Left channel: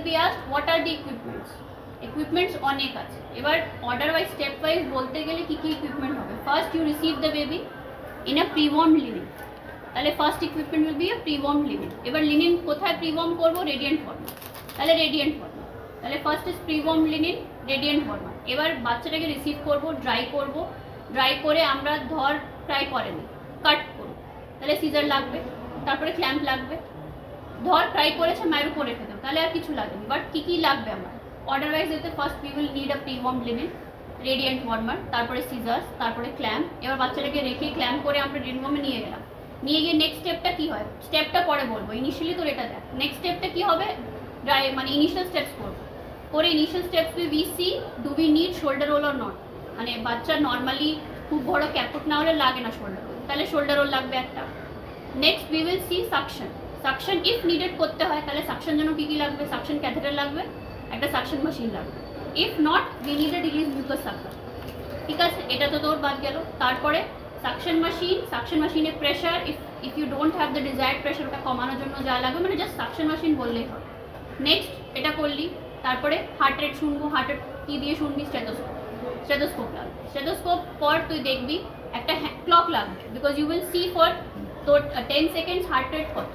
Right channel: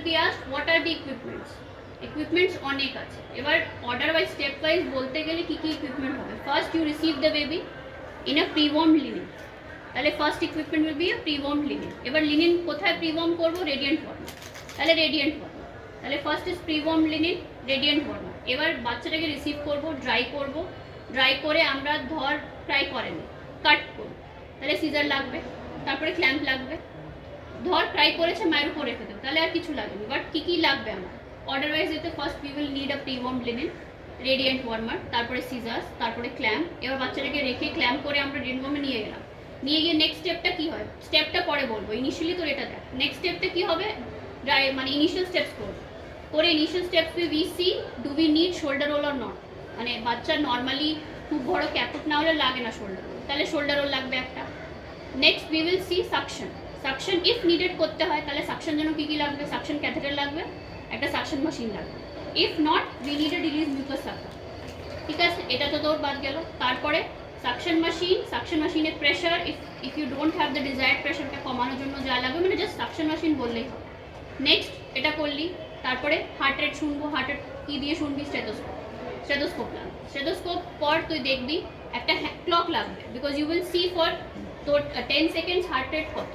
will be asked what are the equipments. Equipments অনেক আছে, এবার অর্ডার ওয়াইজ স্টেপ ওয়াইজ বলতে গেলে কী কী ইকুইপমেন্ট হবে। First you receive the baby in a prewarm linen, তাহলে first equipment will be a prewarm linen. এবার লিনেন কোথায় প্রি-ওয়ার্ম করবো? রেডিয়েন্ট ফর্মার, তাহলে রেডিয়েন্ট ফর্মার, তাহলে first is prewarm linen radiant warmer. এবার বাচ্চাটাকে রিসিভ করবো, ড্রাই করবো, ড্রাই করে আমরা ধর ট্রাই করেনি কাট করবো, তাহলে সিজার লাগবে, তারপরে ক্ল্যাম্প লাগবে। ধর ট্রাই করেছে মায়ের উপর রেখে দেবো, তাহলে আর কিছু লাগবে। বাট কী কী লাগবে আমার অর্ডার ওয়াইজ যেতে, first we will need a prewarm linen radiant warmer, তারপরে সিজার্স, তারপরে ক্ল্যাম্প। এবার বাচ্চাটাকে রেখে ক্ল্যাম্প করে আমরা রেডিয়েন্ট নিয়ে গেলাম, নিয়ে গিয়ে নেক্সট স্টেপটা কী হয়, স্টেপটা পরে বলবো, ইনিশিয়ালি তোর এটা দেখ। নেক্সট স্টেপটা কী হবে, ড্রাই মানে ইনিশিয়াল স্টেপস করবো, করে initial steps we see do we need shoulder roll or not. মানে বাচ্চা নর্মালি খুব বড় ক্যাপুট না হলে লাগে না শোল্ডার রোল, তাহলে শোল্ডার রোল লাগবে একটা। Next we will see suction, suction if needed করতে হয় তাহলে সাকশন জন্য কী কী লাগবে, সাকশন ক্যাথেটার লাগবে, একটা সাকশন মেশিন লাগবে। If not we need a release mucus circular, ঠিক আছে, এটা তো তোর বাদ গেল। তারপরে সাকশন মেশিন, সাকশন মেশিনের pressure, if you don't have the desired pressure ওটা কমানোর জন্য যা লাগবে, মানে জাস্ট সাকশন মেশিন বললেই হবে। নেক্সট এটা করলি, তারপরে হার্ট রেট শুনবো, হার্ট রেট কী দিয়ে শুনবি, স্টেথোস্কোপ, স্টেথোস্কোপ লাগবে। স্টেথোস্কোপ পর তুই দেখবি একটা ক্লক লাগবে, because you will see for তোর 10 সেকেন্ডস হার্ট রেট কত,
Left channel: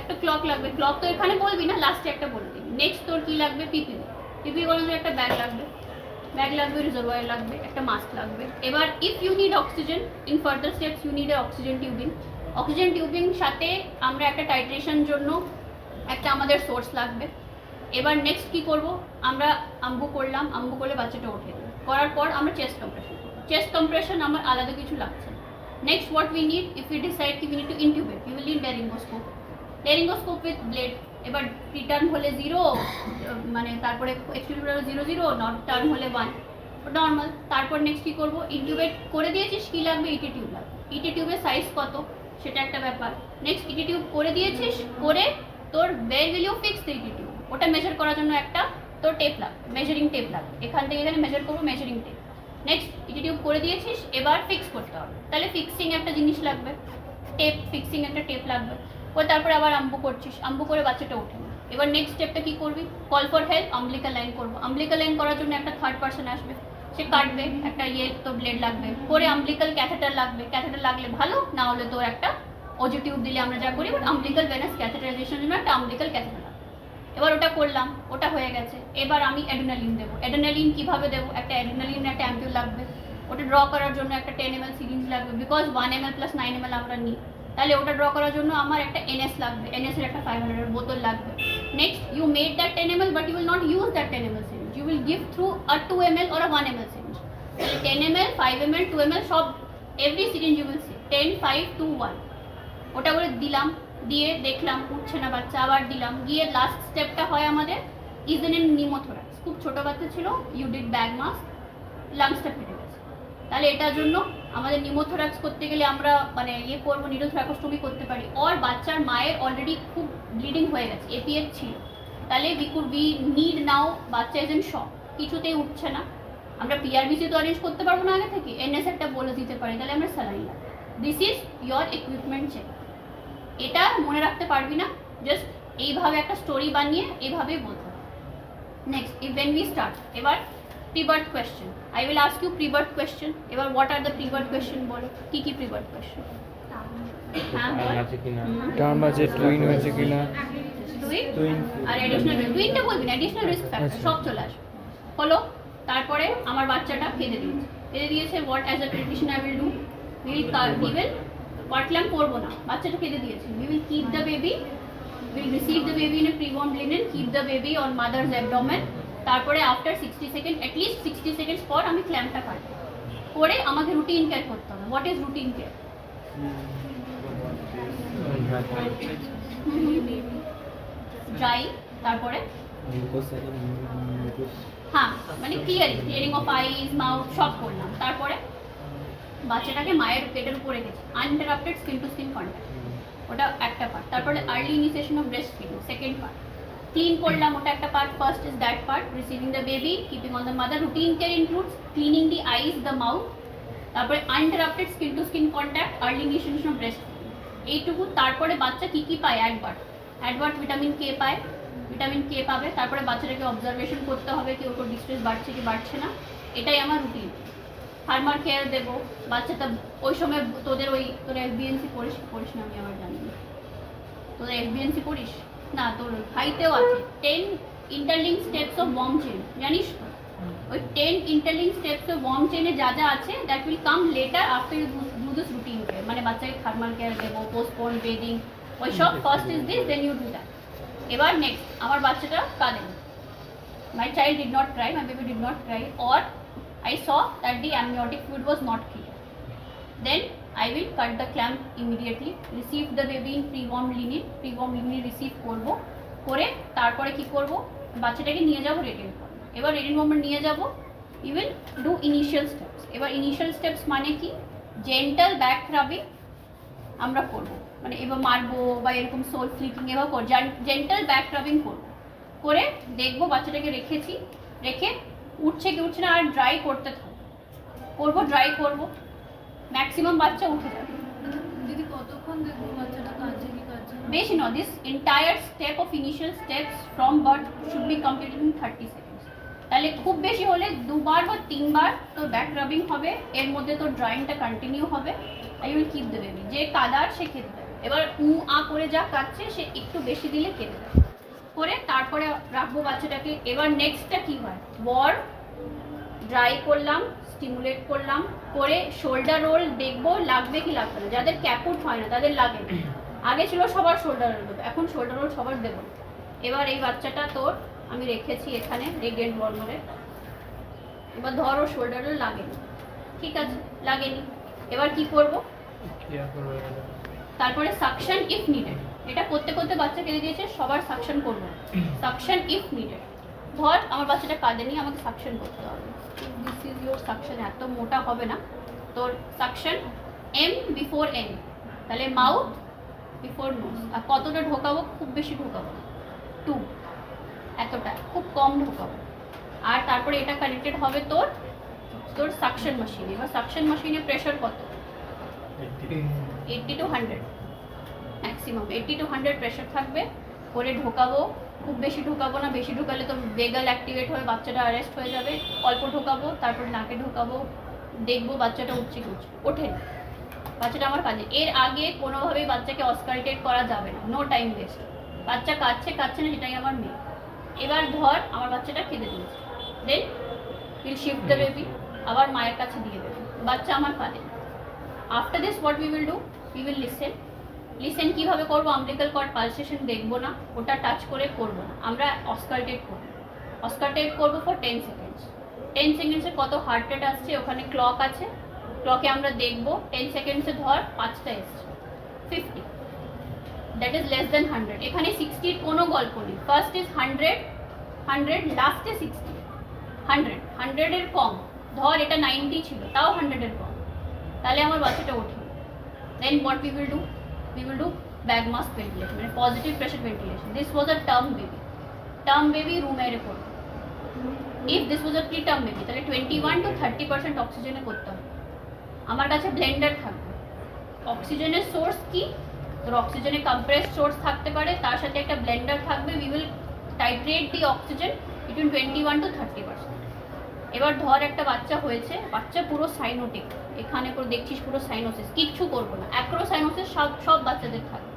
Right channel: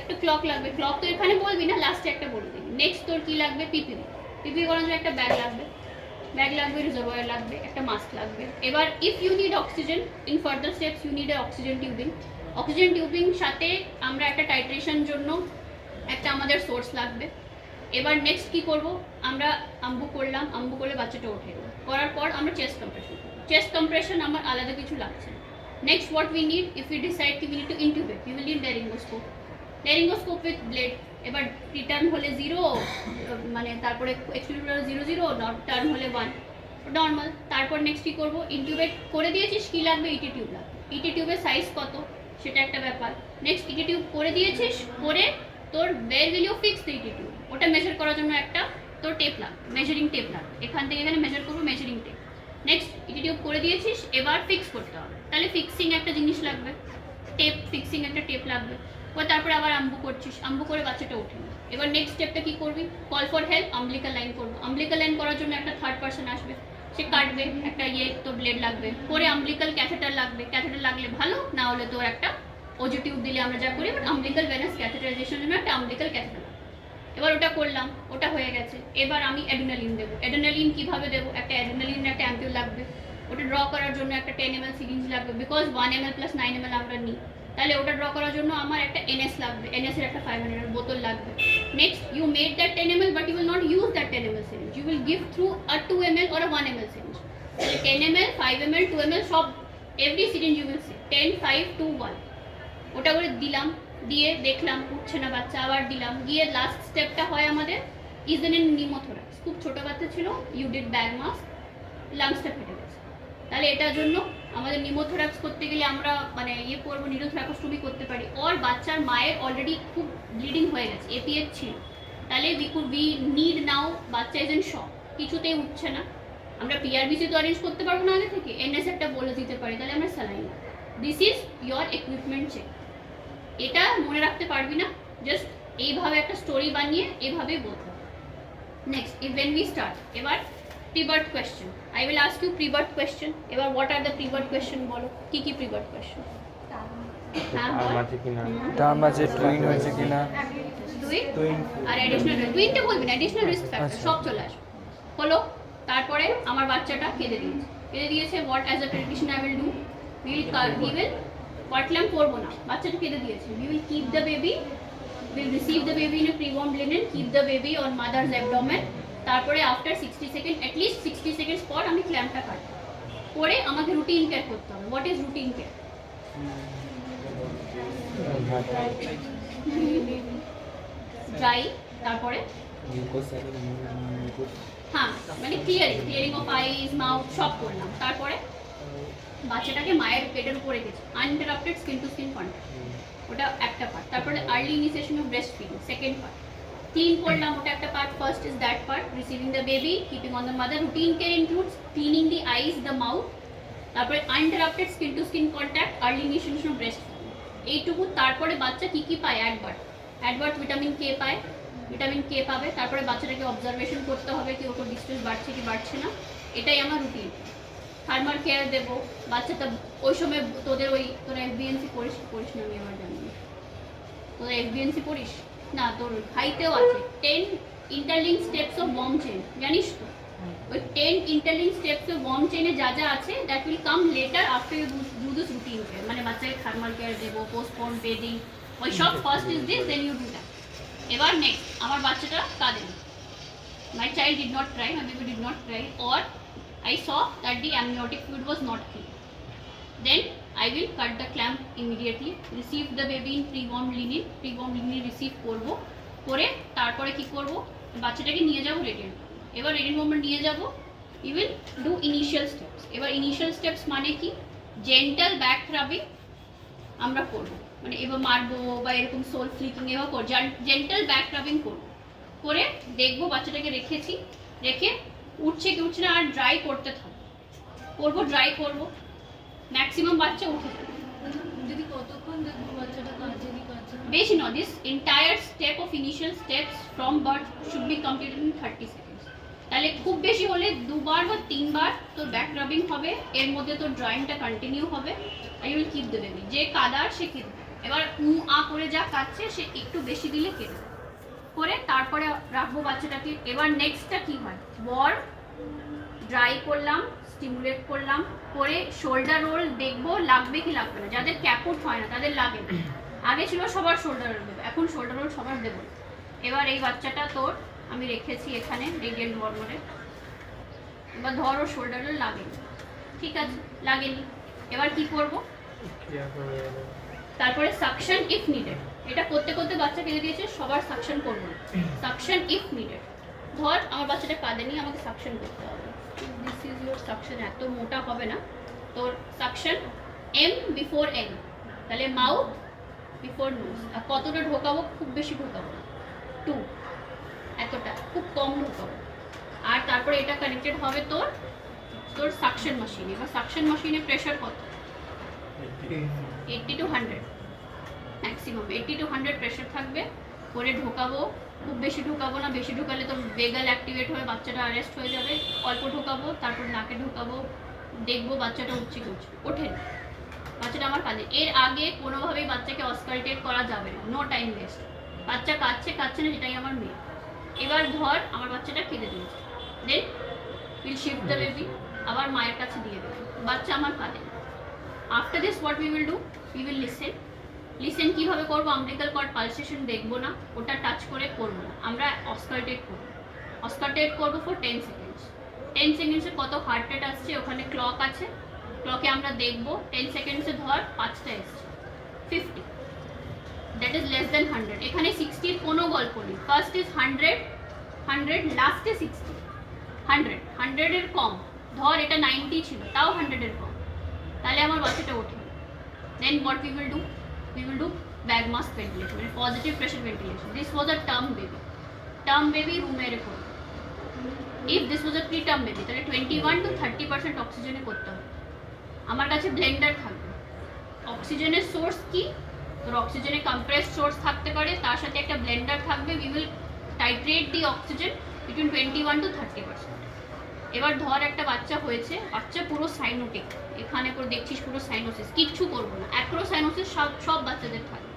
একটা ক্লক লাগবে। ক্লক তো এখানে বলবি না, লাস্টে একটা বলবি। নেক্সট তোর কী লাগবে, পিপিও, পিপিও করার জন্য একটা ব্যাগ লাগবে, ব্যাগ লাগবে, রিজার্ভার লাগবে, একটা মাস্ক লাগবে। এবার if you need oxygen in further steps you need a oxygen tubing, oxygen tubing সাথে আমরা একটা টাইট্রেশন জন্য একটা আমাদের সোর্স লাগবে। এবার নেক্সট কী করবো, আমরা আম্বু করলাম, আম্বু করলে বাচ্চাটা ওঠে, করার পর আমরা চেস্ট কম্প্রেশন করবো। চেস্ট কম্প্রেশন আমার আলাদা কিছু লাগছে। Next what we need, if you decide কি we need to intubate, you will need laryngoscope, laryngoscope with blade. এবার রিটার্ন হলে 0, মানে তারপরে এক্সপিরিয়েন্স 0 0, নট টার্ন হলে 1 নর্মাল। তারপর নেক্সট কী করবো, ইনটিউবেট করে দিয়েছিস, কী লাগবে, ইটি টিউব লাগবে। ইটি টিউবের সাইজ কত সেটা একটা ব্যাপার। নেক্সট ইটি টিউব করে দিয়েছিস, করে তোর where will you fix the ET tube, ওটা মেজার করার জন্য একটা তোর টেপ লাগবে, মেজারিং টেপ লাগবে, এখান থেকে এখানে মেজার করবো, মেজারিং টেপ। নেক্সট ইটি টিউব করে দিয়েছিস, এবার ফিক্স করতে হবে, তাহলে ফিক্সিং একটা জিনিস লাগবে, টেপ, ফিক্সিং একটা টেপ লাগবে। ও তারপরে আবার আম্বু করছিস, আম্বু করে বাচ্চাটা ওঠে না, এবার নেক্সট স্টেপটা কী করবি, call for help, umbilical line করবো। আম্বলিকাল লাইন করার জন্য একটা থার্ড পার্সন আসবে, সে কাটবে, একটা তো ব্লেড লাগবে, পরে আম্বলিকাল ক্যাথেটার লাগবে, ক্যাথেটার লাগলে ভালো, না হলে তো একটা ওজি টিউব দিলে আমরা যা করি, বাট আম্বলিকাল ভেনাস ক্যাথেটারাইজেশনের জন্য একটা আম্বলিকাল ক্যাথেটার লাগবে। এবার ওটা করলাম, ওটা হয়ে গেছে। এবার আমি অ্যাড্রিনালিন দেবো। অ্যাড্রিনালিন কীভাবে দেবো, একটা অ্যাড্রিনালিন একটা অ্যাম্পিউল লাগবে, ওটা ড্র করার জন্য একটা 10 ml সিরিঞ্জ লাগবে, বিকজ 1 ml + 9 ml আমরা নিই, তাহলে ওটা ড্র করার জন্য আমার একটা এনএস লাগবে, এনএসের একটা 500 বোতল লাগবে। Next you made that 10 ml, but you will not use that 10 ml syringe, you will give through a 2 ml or a 1 ml syringe. 10 ml, 5 ml, 2 ml সব every syringe you will see 10, 5, 2, 1, ওটা করে দিলাম, দিয়ে দেখলাম উঠছে না বাচ্চা, আবার দিলাম, গিয়ে লাস্ট স্টেপটা হয় আমাদের ইজেনিন নিউমোথোরাক্স। খুব ছোটো বাচ্চা ছিল, ইউ ডিড ব্যাগ মাস্ক, লাংসটা ফেটে গেছে, তাহলে এটার জন্য আমাদের নিউমোথোরাক্স করতে গেলে আমরা মানে ইয়ে করবো, নিউরোথ্রাকোস্টোমি করতে পারি। আর বাচ্চার মায়ের অলরেডি খুব ব্লিডিং হয়ে গেছে, এপিএস ছিল, তাহলে উই নিড নাও, বাচ্চা এজেন্ট শক, কিছুতেই উঠছে না, আমরা পিআরবিসি তো অ্যারেঞ্জ করতে পারবো না আগে থেকে, এনএস একটা বলে দিতে পারি, তাহলে আমরা স্যালাইন লাগবে। This is your equipment check. এটা মনে রাখতে পারবি না, জাস্ট এইভাবে একটা স্টোরি বানিয়ে এইভাবেই বলতে হবে। নেক্সট when we start, এবার prebirth question, I will ask you prebirth question. এবার what are the prebirth question, বলো কী কী প্রি-বার্থ কোয়েশ্চেন। হ্যাঁ, টার্ম আছে, টুইন হয়েছে কিনা, টুইন আর অ্যাডিশনাল, টুইনটা বলবি না, অ্যাডিশনাল রিস্ক ফ্যাক্টর সব চলে আসবে। হলো, তারপরে আমার বাচ্চাটা কেঁদে দিয়েছে, what as a prediction I will do, will কটল্যাম করবো না, বাচ্চাটা কেঁদে দিয়েছে, we will keep the baby, will receive the baby in a prewarm linen, keep the baby on mother's abdomen. তারপরে আফটার 60 সেকেন্ড, অ্যাটলিস্ট 60 সেকেন্ডস পর আমি ক্ল্যাম্পটা কাটবো, করে আমাকে রুটিন কেয়ার করতে হবে। What is routine care, dry, তারপরে হ্যাঁ মানে ক্লিয়ারিং অফ আইজ, মাউথ সব করলাম, তারপরে বাচ্চাটাকে মায়ের পেটের উপর রেখেছি, uninterrupted skin to skin contact, ওটা একটা পার্ট। তারপরে early initiation of breast feeding, second part. Clean করলাম, ওটা একটা part. First is that part, receiving the baby, keeping on the mother. Routine care includes cleaning the eyes, the mouth, তারপরে uninterrupted skin to skin contact, early initiation of breast feeding, এইটুকু। তারপরে বাচ্চা কী কী পায়, advert vitamin K পায়, vitamin K পাবে, তারপরে বাচ্চাটাকে observation করতে হবে কি ওর ডিস্ট্রেস বাড়ছে কি বাড়ছে না, এটাই আমার রুটিন। ফার্মার কেয়ার দেবো, বাচ্চাটা ওই সময় তোরা এফবিএনসি পড়িস না, আমি আমার জানি না তোরা এফবিএনসি পড়িস না, তোর হাইতেও আছে 10 interlink steps of warm chain, জানিস তো? ওই 10 ইন্টারলিঙ্ক স্টেপস অফ ওয়ার্ম চেইনে যা যা আছে that will come later after you do this routine. মানে বাচ্চাকে ফার্মার কেয়ার দেবো, পোস্টপন বেডিং, ওই সব first is this, then you do that. এবার নেক্সট, আমার বাচ্চাটা কাঁদেনি, my child did not cry, my baby did not cry, or I saw that the amniotic fluid was not clear. Then I will cut the clamp immediately, receive the baby in pre-warm linen receive করবো, করে তারপরে কি করব, বাচ্চাটাকে নিয়ে যাব radiant warm. এবার radiant ওয়ার্মে নিয়ে যাব, you will do initial steps. এবার ইনিশিয়াল স্টেপস মানে কি, জেন্টাল ব্যাক রাবিং আমরা করব, মানে এবার মারবো বা এরকম সোল ফ্লিকিং এবার জেন্টাল ব্যাক রাবিং করবো, করে দেখবো বাচ্চাটাকে রেখেছি, রেখে উঠছে কি উঠছে না, আর ড্রাই করতে থাকবো, ড্রাই করবো, ম্যাক্সিমাম বাচ্চা উঠে যাবে। দিদি কতক্ষণ দেখবো বাচ্চাটা কাঁদছে কি কাঁদছে না? বেশি নয়, this entire step of initial steps from birth should be completed in 30 seconds. তাহলে খুব বেশি হলে 2 বার বা 3 বার তোর ব্যাক রাবিং হবে, এর মধ্যে তোর ড্রাইংটা কন্টিনিউ হবে, I will keep the baby. যে কাদার সে কেঁদে, এবার আ করে যা কাঁদছে সে একটু বেশি দিলে কেঁদে দেয়, করে তারপরে রাখবো বাচ্চাটাকে। এবার নেক্সটটা কি হয়, ওয়ার্ম, ড্রাই করলাম, স্টিমুলেট করলাম, করে শোল্ডার রোল দেখবো লাগবে কি লাগবে না। যাদের ক্যাপুট হয় না তাদের লাগে না, আগে ছিল সবার শোল্ডার রোল দেবো, এখন শোল্ডার রোল সবার দেবো। এবার এই বাচ্চাটা তোর আমি রেখেছি এখানে রেডিয়েন্ট ওয়ার্মে, এবার ধর ওর শোল্ডার রোল লাগেনি, ঠিক আছে লাগেনি, এবার কি করব, তারপরে সাকশন ইফ নিডেড। এটা করতে করতে বাচ্চা কেঁদে দিয়েছে, সবার সাকশন করবো, সাকশন ইফ নিডেড। ধর আমার বাচ্চাটা কাঁদেনি, আমাকে সাকশন করতে হবে, দিস ইজ ইউর সাকশন, এত মোটা হবে না তোর সাকশন, এম বিফোর এন, তাহলে মাউথ বিফোর নোজ। আর কতটা ঢোকাবো, খুব বেশি ঢোকাবো না, 2, এতটা, খুব কম ঢোকাবো। আর তারপরে এটা কানেক্টেড হবে তোর সাকশন মেশিনে। এবার সাকশন মেশিনে প্রেশার কত, 80 to 100 ম্যাক্সিমাম, 80 to 100 প্রেশার থাকবে, করে ঢোকাবো, খুব বেশি ঢোকাবো না, বেশি ঢোকালে তো বেগাল অ্যাক্টিভেট হয়ে বাচ্চাটা অ্যারেস্ট হয়ে যাবে। অল্প ঢোকাবো, তারপর নাকে ঢোকাবো, দেখবো বাচ্চাটা উঠছে ওঠে না, বাচ্চাটা আমার কাজে। এর আগে কোনোভাবেই বাচ্চাকে অস্কালটেট করা যাবে না, নো টাইম ওয়েস্ট। বাচ্চা কাঁদছে না, সেটাই আমার মেয়ে। এবার ধর আমার বাচ্চাটা কেঁদে দিয়েছে, then will shift the baby, আবার মায়ের কাছে দিয়ে দেবে, বাচ্চা আমার কাঁদে। After this what we will do, we will listen কীভাবে করবো, আমব্লিকাল কর্ড পালসেশন দেখবো না, ওটা টাচ করে করবো না, আমরা অস্কালটেট করবো ফর 10 সেকেন্ডস। 10 সেকেন্ডসে কত হার্ট রেট আসছে, ওখানে ক্লক আছে, ক্লকে আমরা দেখবো 10 সেকেন্ডসে ধর 5টা এসছে, 50, দ্যাট ইজ লেস দেন 100। এখানে 60-র কোনো গল্প নেই, ফার্স্ট ইজ 100, লাস্টে 60, 100-এর কম, ধর এটা 90 ছিল, তাও 100-এর কম, তাহলে আমার বাচ্চাটা ওঠে। Then what we will do, bag mask ventilation, মানে positive pressure ventilation. This was a term baby room এয়ারে করবো। If this was a pre term baby, তাহলে 21 to 30% অক্সিজেনে করতে হবে। আমার কাছে ব্লেন্ডার থাকবে, অক্সিজেনের সোর্স কি, তোর অক্সিজেনে কম্প্রেসড সোর্স থাকতে পারে, তার সাথে একটা ব্লেন্ডার থাকবে, we will titrate the oxygen between 21 to 30%। এবার ধর একটা বাচ্চা হয়েছে, বাচ্চা পুরো সাইনোটিক, এখানে পুরো দেখছিস পুরো সাইনোসিস, কিচ্ছু করবো না, অ্যাক্রোসাইনোসিস সব বাচ্চাদের থাকে।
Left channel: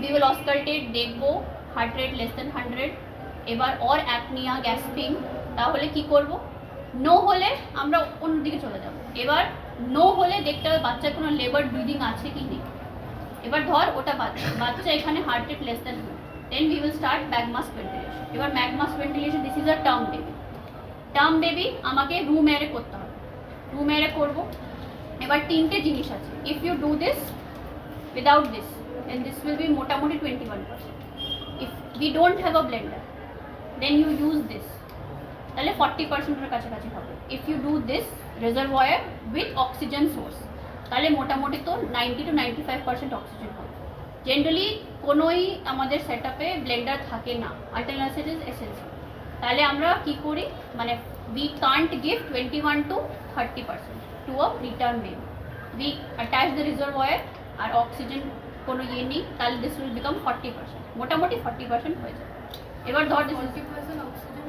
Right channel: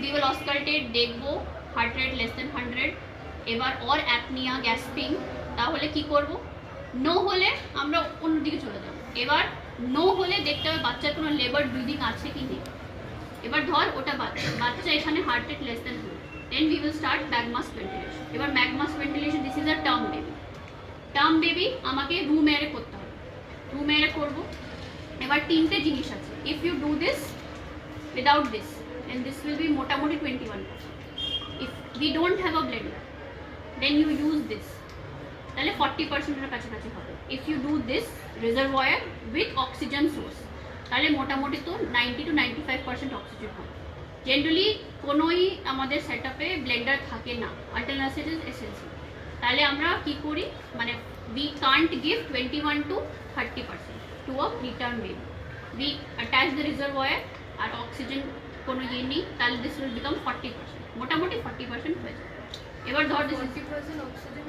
উই উইল অস্কালটেট, দেখবো হার্ট রেট লেস দেন 100, এবার অর অ্যাপনিয়া, গ্যাসপিং, তাহলে কি করব, নো হলে আমরা অন্যদিকে চলে যাব। এবার নো হলে দেখতে হবে বাচ্চার কোনো লেবার ব্রিদিং আছে কি নেই। এবার ধর ওটা বাচ্চা এখানে heart rate less then 100, then we will start bag mask ventilation. এবার bag mask ventilation, this is a term baby, আমাকে রুম এয়ারে করতে হবে, রুম এয়ারে করবো। এবার 3টে জিনিস আছে, if you do this without this, then this will be মোটামুটি 21%। If we don't have a blender, then you use this, তাহলে 40%-এর কাছাকাছি হবে। If you do this reservoir with oxygen source, তাহলে মোটামুটি তো 90 to 95% অক্সিজেন হবে। জেনারেলি কোনোই আমাদের সেট আপে ব্লেন্ডার থাকে না, আল্টারনেটিভ ইজ এসেন্সিয়াল। তাহলে আমরা কি করি, মানে we can't give 21 to 30% to a preterm baby, we attach the reservoir, আর অক্সিজেন কোনো ইয়ে নেই, তাহলে দিস উইল বিকাম 40%, মোটামুটি 40% হয়ে যাবে। এবার ধর 40% অক্সিজেন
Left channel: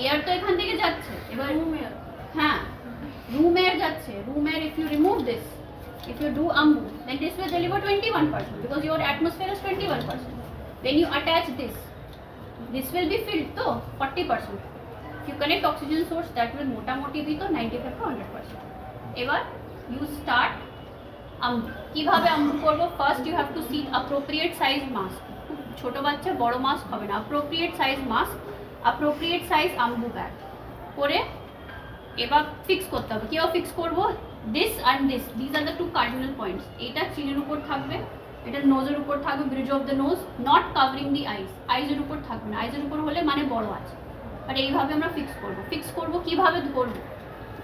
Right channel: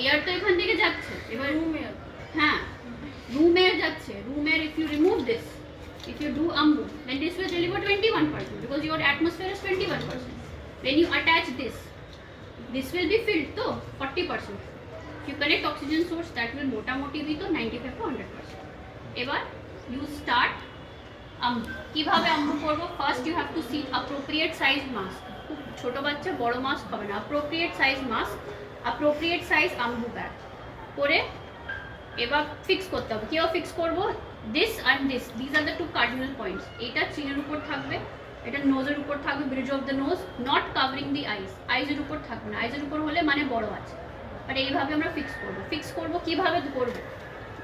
এয়ার তো এখান থেকে যাচ্ছে, এবার রুম এয়ার হ্যাঁ room air যাচ্ছে, room air if you remove this, if you do AMBU, then this will deliver 21% because your atmosphere is 21%. When you attach this will be filled to 40%. If you connect oxygen source, that will মোটামুটি be to 95 to 100%. এবার you start AMBU. কিভাবে AMBU করব? First you have to see appropriate size mask. ছোট বাচ্চা বড় mask হবে না, appropriate size mask, appropriate size AMBU bag করে এবার ফিক্স করতে হবে। কিভাবে ফিক্স করব? This and this are the two cardinal points. এটা চিনের উপর থাকবে, এটা নোজের উপর থাকবে, bridge of the nose, not covering the eyes. আইজের উপর থাকবে না, আইজের উপর হলে মানে বড় আছে। আর এইভাবে আমরা ফিক্স করব কিভাবে করব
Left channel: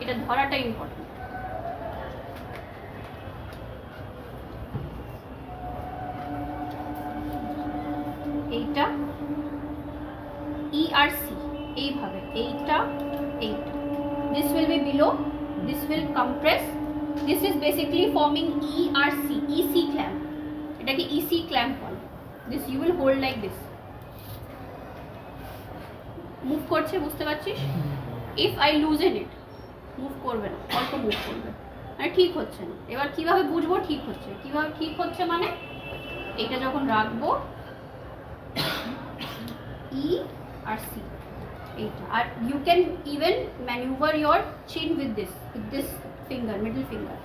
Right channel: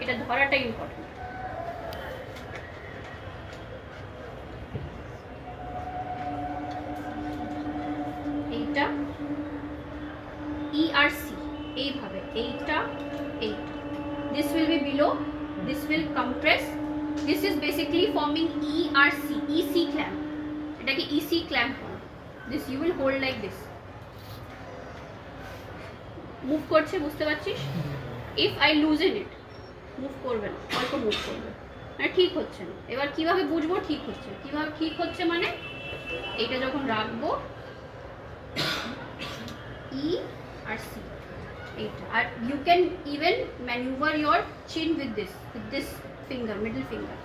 এটা ধরাটা ইম্পর্টেন্ট। এইটা ERC এইভাবে, এইটা this will be below, this will compress, this is basically forming EC clamp, এটাকে EC clamp বলে। this you will hold like this, move করছে বুঝতে পারছিস? if I loosen it, move করবে না, অল্প মুভ করবে, মানে ঠিক হচ্ছে না। এবার কিভাবে বুঝবো ঠিক হচ্ছে? কিভাবে ঠিক হচ্ছে মানে এইটা যখন রাখবো ERC এইটা, আর you can even maneuver your chin with this finger, middle finger.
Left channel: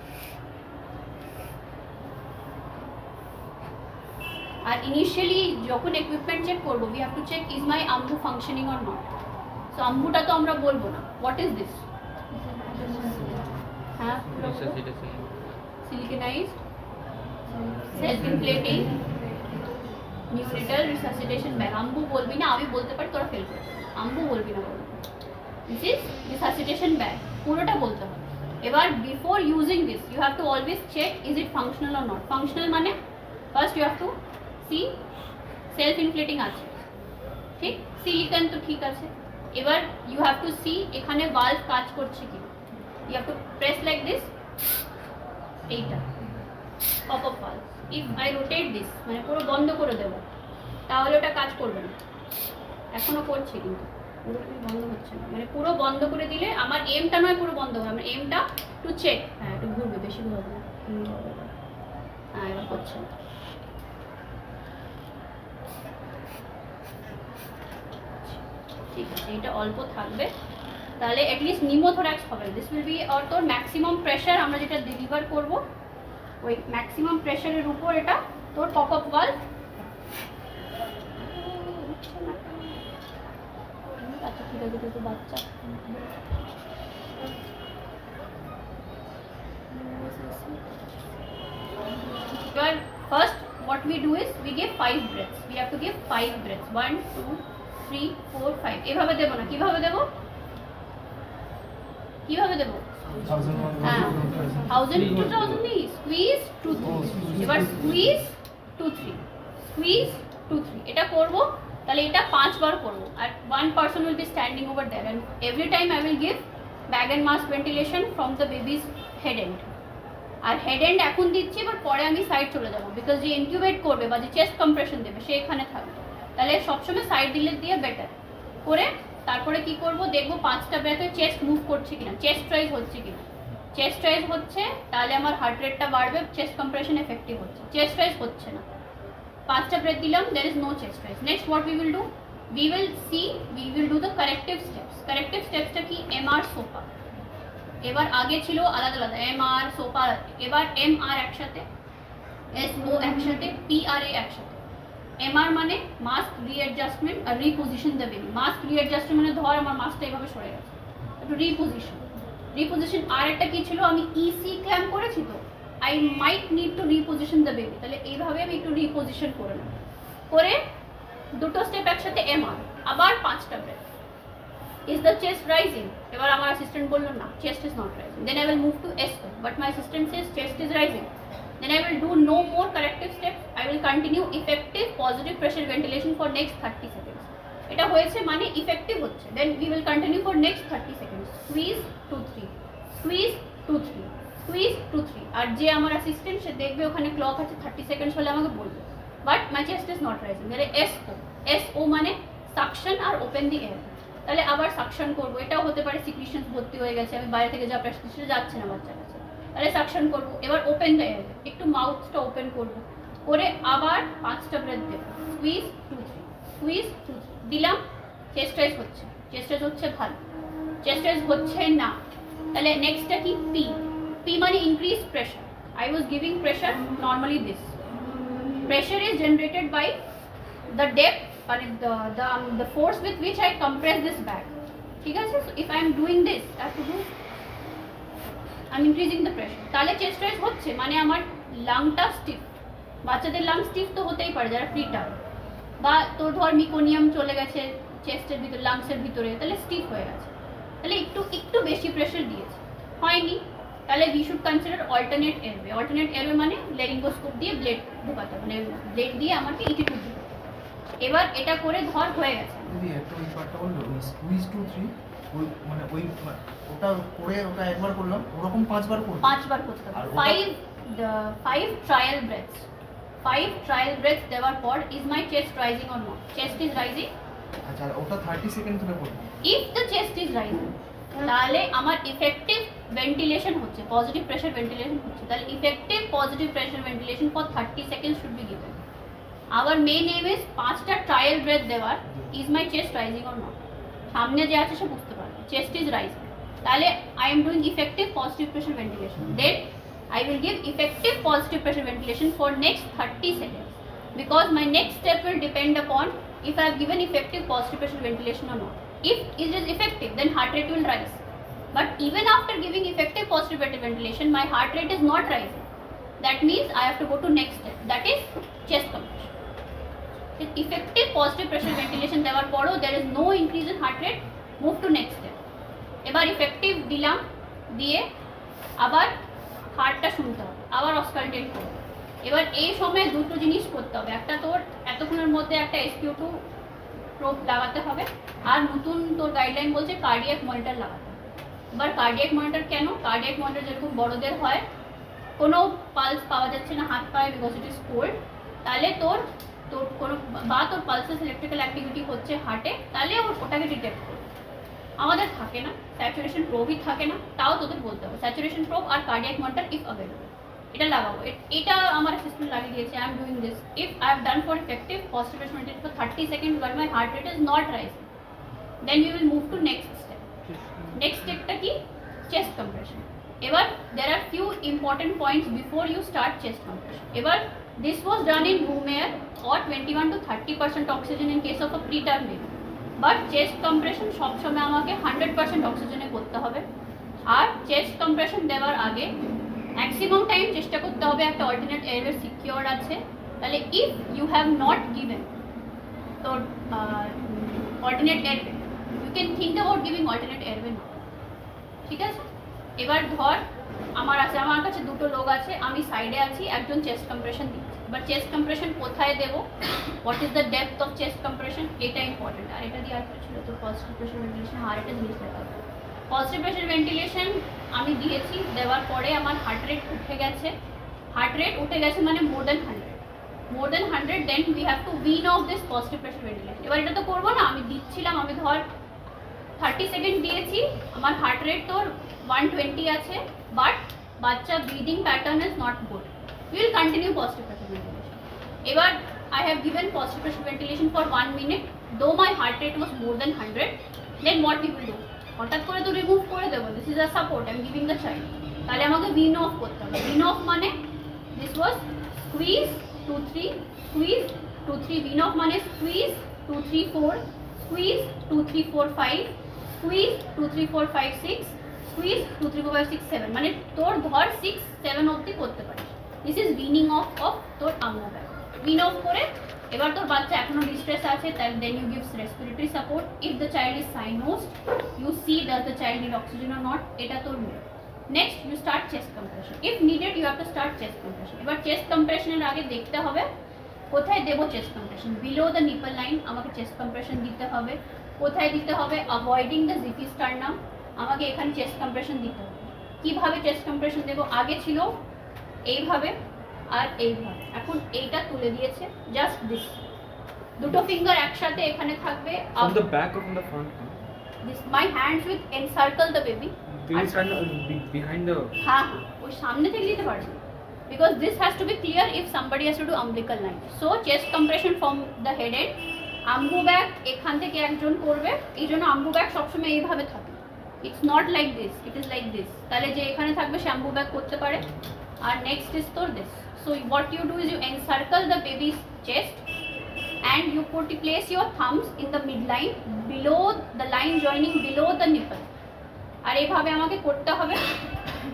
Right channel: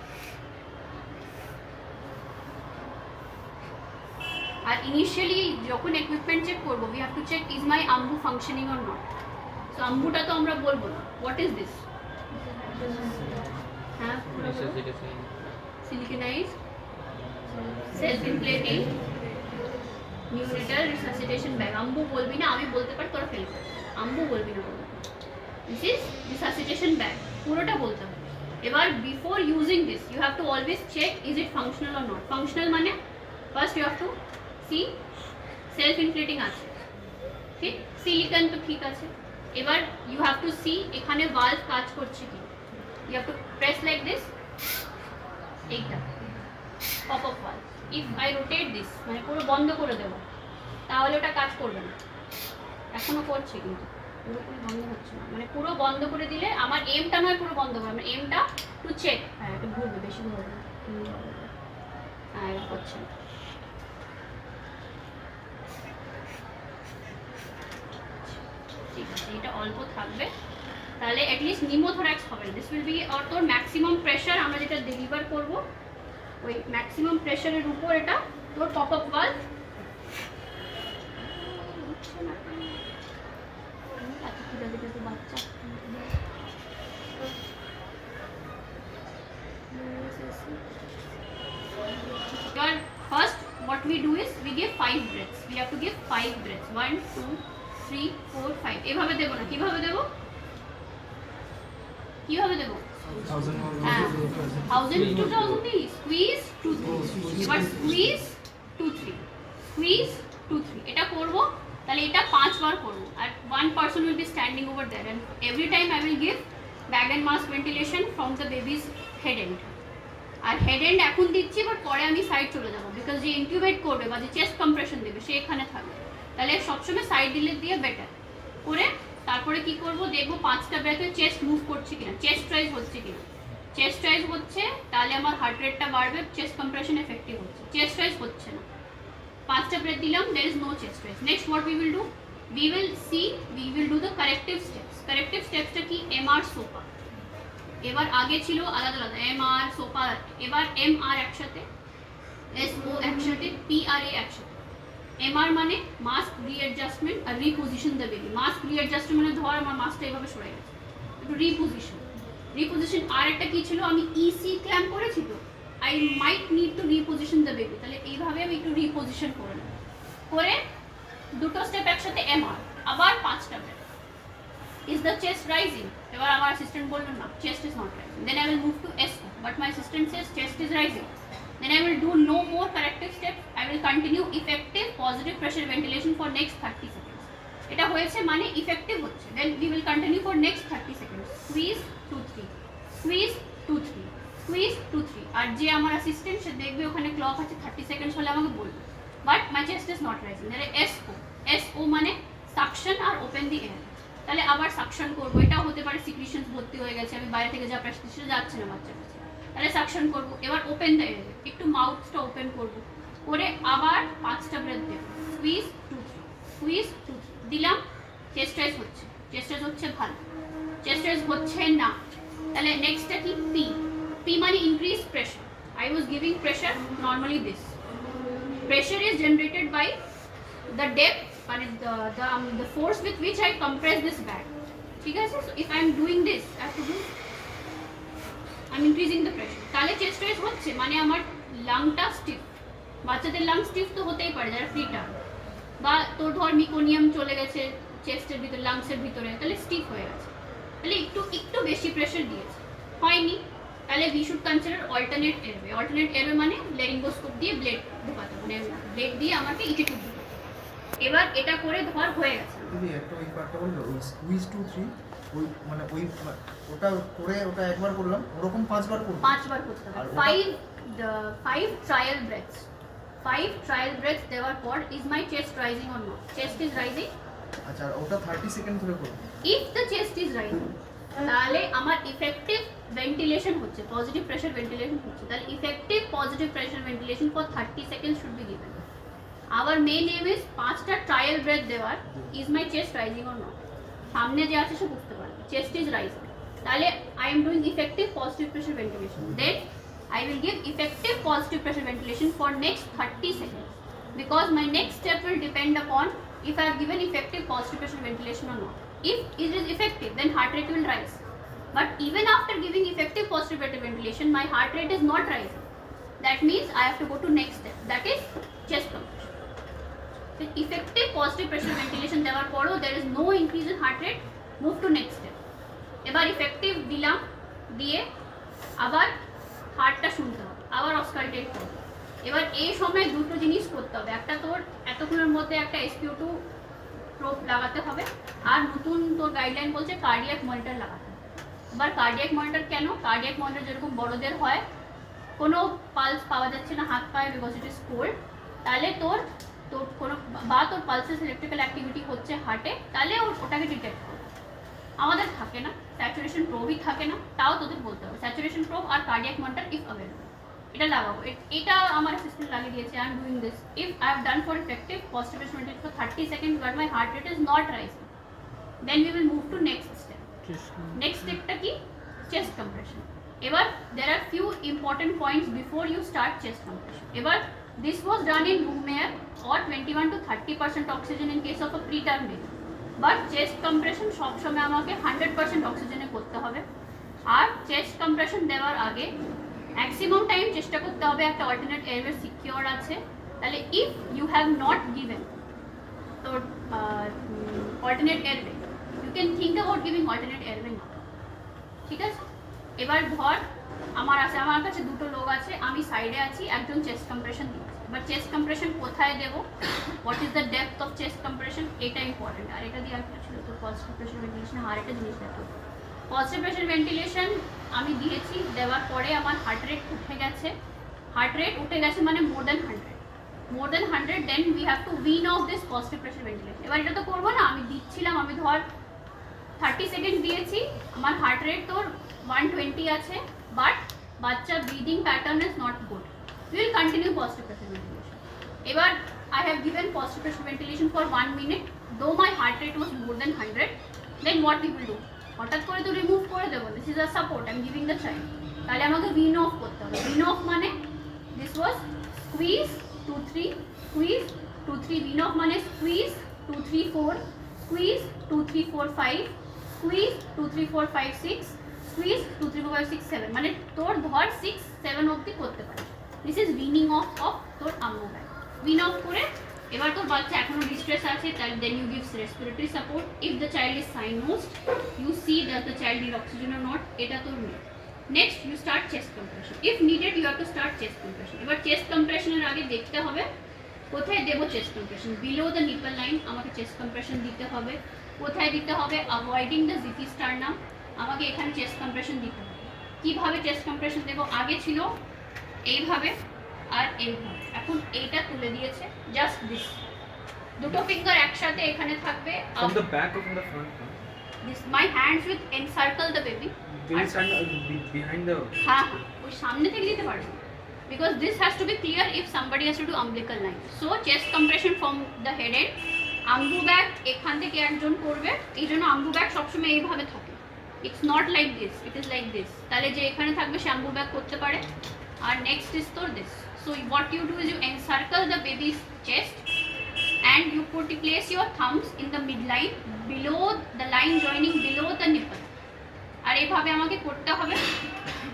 R initially যখন equipment check করব, we have to check is my AMBU functioning or not. so AMBUটা তো আমরা বলবো না, what is this? হ্যাঁ পুরো siliconized self inflating neonatal resuscitation bag. AMBU বলবি না, আমি বলতে পারি, তোরা ফেল করবি। AMBU বলবি না, বলবি this is resuscitation bag, পুরোটা বলতে হবে। এবার before using this you have to always check is it functional or not. functional মানে first you have to see self inflating আছে, ঠিক, সিলিকন তো ঠিক আছে। এবার you have to see এখানে valve কাজ করছে কি, you have to press like this, এইটা pop up valve. if I rotate this মানে পুরো বন্ধ করে দেব, তাহলে ওটা কাজ করবে না। এখনো করছে কিন্তু পুরোপুরি বন্ধ হচ্ছে না, মানে পুরো বন্ধ করে দিলে আমার এমটা নয় পুরো বন্ধ হবে, আমার এমটা টু চেক। হ্যাঁ একটু ঘুরবে, বেশি ঘুরবে না, হ্যাঁ এবার হচ্ছে না। ঠিক আছে, এটা অল্প থাকবে, তাহলে অ্যাটলিস্ট নিমোথোরাক্স হবে। দিস উইল বি আর তোর ম্যাক্সিমাম প্রেশার আমরা যেটা ডেলিভার করব, ওই ম্যাক্সিমাম প্রেশারের উপর এটা তোর পপ আপ ভালভ। বাচ্চা এবার first what we do is we give 5 breaths. we have to give 5 breaths, 1 2 3 4 5 এভাবে দেব না, কিভাবে দেব? কিভাবে দেব? 1000 to 2000 squeeze 2 3, এবার squeeze 2 3, squeeze 2 3 এটা করব। তাহলে এটা 5 বার করব, আর 1 person will be standing over there and every time I will give bag and mask ventilation from the baby's head end. আর হেড এন্ড এখন দিচ্ছি, বাট পরে আমি সাইড চলে যাবো, বিকজ যে ইনকিউবেট করবে বা যে চেস্ট কম্প্রেশন দেবে সে এখানে থাকবে। তাহলে সবসময় সাইড দিলে দিয়ে বেটার করে তারপরে কি করব, দেখবো 5টা ব্রেথে চেস্ট মুভ করছে কিনা, চেস্ট রাইজ হচ্ছে কিনা। চেস্ট রাইজ হচ্ছে তাহলে আমার হার্ট রেটটা বাড়বে, চেস্ট কম্প্রেশন এফেক্টিভ হচ্ছে। চেস্ট রাইজ হচ্ছে না, 5টা ব্রেথ দিলাম, there is no chest rise. next what we will do, we will do the corrective steps. corrective stepsটা কি? MR SOPA। এবার আগে ছিল আলাদা আলাদা, MR SOPA, এবার MR একসাথে, SO একসাথে, PRA একসাথে। MR মানে মাস্ক রিঅ্যাডজাস্টমেন্ট আর reposition the baby. Mask readjustment মানে ধর আমার মাস্কটা এভাবে সরে গেছে, একটু রিপোজিশন। আর একটা কি ছিল, আমি EC ক্ল্যাম্প করেছি তো, I might need to reposition the baby, তাহলে এইভাবে আমি একটু রিপোজিশন করে নেব, করে দুটো স্টেপ একসাথে MR, আবার 5টা breadth. is the chest rising? এবার আমার অ্যাসিস্ট্যান্ট বলবে না, chest is not rising, then I will move to SO, but my assistant says chest is rising, then I will do no more corrective steps, I will continue effective positive pressure ventilation for next 30 seconds. এটা হয়েছে মানে effective হচ্ছে, then we will continue for next 30 seconds. squeeze 2 3, squeeze 2 3, squeeze 2 3, আর যে আমার assistant সে দেখবে ওখানে clock আছে 30 seconds হলে আমাকে বলবে, but my chest is not rising, তাহলে SO SO মানে সাকশন আর ওপেন দি এয়ার। তাহলে আবার সাকশন করবো, এটাও হতে পারে সিক্রিশন ভর্তি হয়ে গেছে, আমি বাইরে থেকে যা প্রেসক্রিপশন যাচ্ছে না বাচ্চার কাছে, তাহলে সাকশন করবো। এবার ওপেন দ্য এয়ার, একটু মাউথটা ওপেন করবো, করে আবার 5টা ব্রেথ দেবো, স্কুইজ 2 3, স্কুইজ 2 3 দিলাম। চেস্ট রাইজ হচ্ছে, চেস্ট রাইজ হচ্ছে ভালো, চেস্ট রাইজ হচ্ছে না, তাহলে নেক্সটটা কি পি। পি মানে increase pressure. I was giving pressure normally this. Pressure is generated by the depth or the force with which I compress this bag. ঠিক আছে? So if I am doing this, I have to do, I'm increasing the pressure. তাহলে chest rise হচ্ছে মানে আমার লাংটা স্টিফ। বাচ্চাদের lung স্টিফ তো হতেই পারে যারা ফিটার, বা তোর ধর মিকোনিয়াম চলে গেছে চেস্টের ভিতরে, লাংসের ভিতরে, তাহলে স্টিফ হয়ে গেছে, তাহলে একটু বেশি প্রেশার দিয়েছে, হয়নি, তাহলে we should consider alternate airway. Alternate airway মানে লেরিঙ্গোস্কোপ দিয়ে ব্লেড ঢোকাতে হবে, মানে ব্লেড দিয়ে আমাকে ইটি টুব দিতে হবে। এবার এটা করে ধর হয়ে গেছে। দিদি একটা ওই পার্টটা বললো ওই স্কুইজ 2 3, ওই মানে ওই ওটা করে ওটা একবার করলাম, ওরকম 5বার করব, 5বার করতে হবে। আর 5 ট্রায়াল ব্রেথস, 5 ট্রায়াল ব্রেথস দেওয়ার পর is my chest rising or not, chest is rising. আচ্ছা আর ওটা 30 সেকেন্ড ধরে করব। If the chest is rising তাহলে আমার ইফেক্টিভ ভেন্টিলেশন হচ্ছে, পজিটিভ প্রেশার ভেন্টিলেশন হচ্ছে, তাহলে effective positive pressure ventilation for 30 seconds should be given. Our main aim is 5টা ট্রায়াল ব্রেথ দেওয়ার, is my chest rising or not, সামনে যে আছে সে বুঝতে পারবে চেস্ট ইজ রাইজিং, তাহলে I am doing effective positive pressure ventilation, then I will give effective positive pressure ventilation for next 30 seconds, because my next step will depend upon if I have given effective positive pressure ventilation or not. If it is effective, then heart rate will rise. But even after giving effective positive pressure ventilation, my heart rate is not rising. That means I have to go to next step, that is chest compression. With effective positive pressure ventilation দেওয়ার পরও there is no increase in heart rate, move to next step. এবার effective দিলাম, দিয়ে আবার হার্টটা শুনতে হবে, আবার auscultate করবে। এবার এই সময় দুটো জিনিস করতে হবে, একটা তোর এতক্ষণের মধ্যে একটা SpO2 প্রোব লাগাতে হবে, আর নতুন তোর গাইডলাইন বলছে কার্ডিয়াক মনিটর লাগাতে হবে। এবার কার্ডিয়াক মনিটর কেন? কার্ডিয়াক মনিটর যেরকম বড়দের হয়, কোনো পালস পাওয়া যাচ্ছে না হাত পায়ে বিকজ ইট ইজ কোল্ড, তাহলে তোর কোনো বা তোর পালসেস ইলেকট্রিক্যাল অ্যাক্টিভিটি হচ্ছে হার্টে, তাহলে ওটাকে ডিটেক্ট করবে। আমাদের থাকে না, স্যাচুরেশন প্রোবই থাকে না, তাও তোদের বলতে হবে স্যাচুরেশন প্রোব আর কার্ডিয়াক মনিটর ইফ অ্যাভেলেবল, এটা লাগাবো। এটা আমার অ্যাসিস্ট্যান্ট লাগিয়ে দিয়েছে, I am doing this. If I have done for effective positive pressure ventilation for 30 seconds but my heart rate is not rising, then we will move to next step. Next স্টেপটা কি? Chest compression. এবার there are few important points before you start chest compression. এবার this was done in room air or 21 to 30% oxygen in case of a preterm baby. But chest compression সবসময় আমাকে 100% অক্সিজেনে করতে হবে। আর chest compression দেওয়ার আগে maximum time চেষ্টা করতে হবে একটা অল্টারনেট এয়ারওয়ে সিকিওর আছে, তাহলে if you have not given তোর alternate airway, you can think about giving alternate airway না, ঠিক আছে? এবার ধর আমার কাছে দুটো লোক আছে, আমি সাইডে আছি, একজন চেস্ট কম্প্রেশন দিচ্ছে। এবার চেস্ট কম্প্রেশন কোথায় দেবো, what is the depth of chest compression, এটা ইম্পর্টেন্ট। আর এটা দিয়ে আর ছিল তোর পজিটিভ প্রেশার ভেন্টিলেশন, আর একটা জিনিস দেখতে হবে। পজিটিভ প্রেশার ভেন্টিলেশন আমি দিয়েছি, দেওয়ার পরে আমার হার্ট রেট উঠে গেছে, হার্ট রেট উঠে গেছে মানে more than 100, then we have to wean off this positive pressure ventilation. এবার এটা তো করবো না, আমি দিচ্ছিলাম, আমি ধর 30 সেকেন্ড দিয়েছি, আমার হার্ট রেট তোর 120 আছে, বাট বাচ্চা breathing pattern is not good, we will continue positive pressure ventilation. এবার I have given positive pressure ventilation for 1 minute, though my heart rate was more than 100, then what we will do? হঠাৎ করে তো remove করে দেবো, this is a support, I am giving the child, তাহলে আমাকে win of করতে হবে। Win of মানে this was squeeze 2 3, squeeze 2 3, win of মানে স্কুইজ 2 3 4, স্কুইজ 2 3 4 5, স্কুইজ 2 3 4 5 6, স্কুইজ 2 3 4 5 6 7, মানে তোর ধর 6 7 অবধি করতে পারিস। দিস ইজ উইনিং অফ তোর আম্মু ব্যাগ। উইন অফ করে এবার তোর বাচ্চা এখনো ডিস্ট্রেস আছে, তাহলে then you gives respiratory support. If the child is cyanosed, you see does the child need oxygen or not, এটা তোর মেয়ে। Next you start chest compression, if needed you have to start chest compression. এবার chest কম্প্রেশনের আগে দেখতে হবে কোথায় দেবো chest compression. Below the nipple line আমাকে চেস্ট কম্প্রেশন দিতে হবে। কোথায় দিতে হবে? অ্যাভয়েডিং দ্য জিপি স্টারনাম, আমাকে এখানে চেস্ট কম্প্রেশন দিতে হবে। কীভাবে চেস্ট কম্প্রেশন দেবো? আগে ছিল এইভাবে আর এইভাবে, এখন এইটা তুলে দিয়েছে, জাস্ট দিস, দুটো ফিঙ্গার একসাথে এখানে থাকবে From the back or from the front? this my hands will encircle the baby Will you stand behind the? হ্যাঁ হ্যাঁ ওই সামনে থেকে দিতে পারবে because this has to be clear if somebody has to do umbilical line so chest compression from the head end Ambu bag এখান থেকে একজন করবে এই জন্য আমবু ব্যাগ সবসময় এইভাবে থাকে it's not like this it is like this তাহলে যে এখানে থাকবে সে আমবু ব্যাগ করতে পারে আর নেক্সট ইজ তোর this so what you do is you encircle the baby's chest and you place your thumbs in the midline below the line joining below the nipple আর এইভাবে আমাকে করতে হবে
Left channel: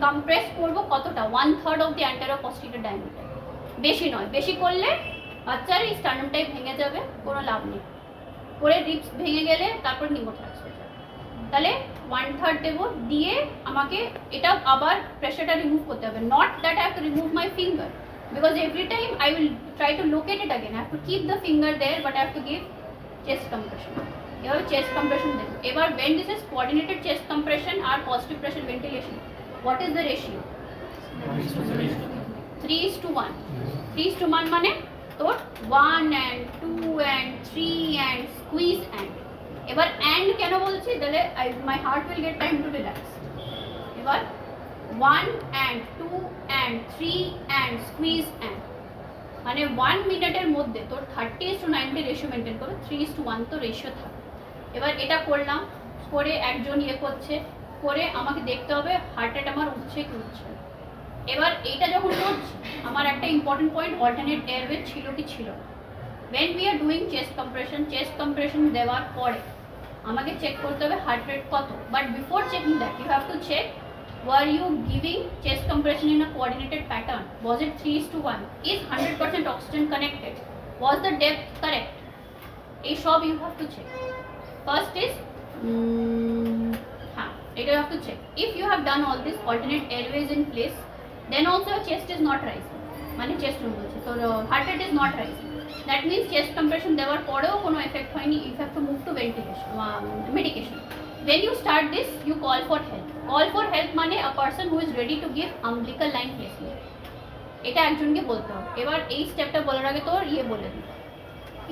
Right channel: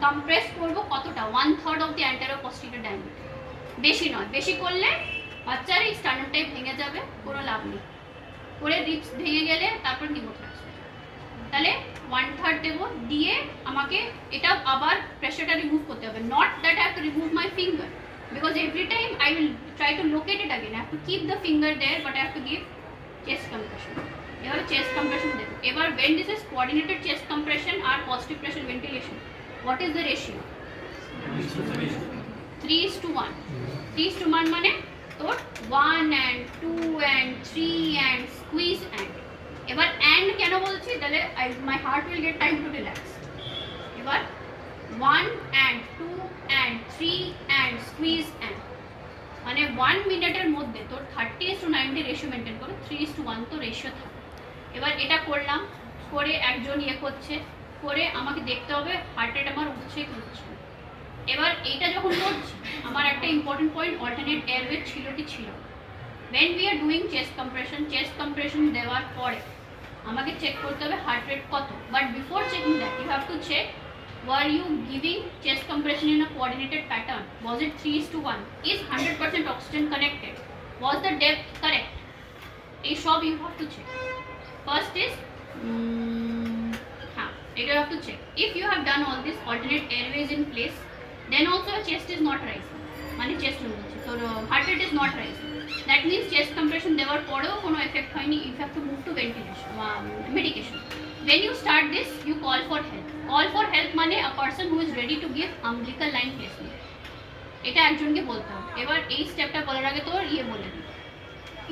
কম্প্রেস করব কতটা 1/3 of the anterior posterior diameter বেশি নয় বেশি করলে বাচ্চার এই স্টার্নামটাই ভেঙে যাবে কোনো লাভ নেই করে রিপস ভেঙে গেলে তারপর নিমোথ্রাক্স হয়ে যাবে তাহলে 1/3 দেব দিয়ে আমাকে এটা আবার প্রেশারটা রিমুভ করতে হবে not that I have to remove my finger because every time I will try to locate it again. I have to keep the finger there, but I have to give chest compression. এবার chest compression দেব এবার when this is coordinated chest compression or positive pressure ventilation, what is the ratio? 3:1. 3:1 মানে তোর 1 and 2 and 3 and squeeze and এবার and কেন বলছি তাহলে my heart will get time to relax. এবার 1 and 2 and 3 and squeeze and মানে 1 মিনিটের মধ্যে তোর 30:90 রেশিও মেনটেন করে 3:1 তো রেশিও থাকে এবার এটা করলাম করে একজন ইয়ে করছে করে আমাকে দেখতে হবে হার্ট রেট আমার উঠছে কি উঠছে এবার এইটা যখন করছি আমার একটা ইম্পর্টেন্ট পয়েন্ট অল্টারনেট এয়ারওয়ে ছিল কি ছিল when we are doing chest compression দেওয়ার পরে আমাকে চেক করতে হবে হার্ট রেট কত but before checking that you have to check were you giving chest compression in a coordinated pattern was it 3:1 is 100% oxygen connected was the depth correct এই সব you have to check first is it you have to check if you have done all this alternate airways in place then also your chest is not rising মানে chest বলছি তো heart rate is not rising that means chest compression দেওয়ার পরেও কোনো effect হয়নি you have to move to ventilation medication when you start this you call for help মানে a person who is ready to give umbilical line placement এটা একজনকে বলতে হবে এবার এই স্টেপটা বলার আগে তোর ইয়ে বলে দিই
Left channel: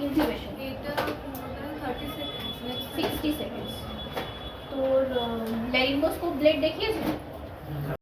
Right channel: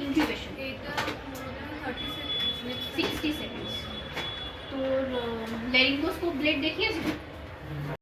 ইনকিউবেশন এটা 30 সেকেন্ডস 60 সেকেন্ডস তোর ল্যারিঙ্গোস্কোপ ব্লেড দেখিয়েছিস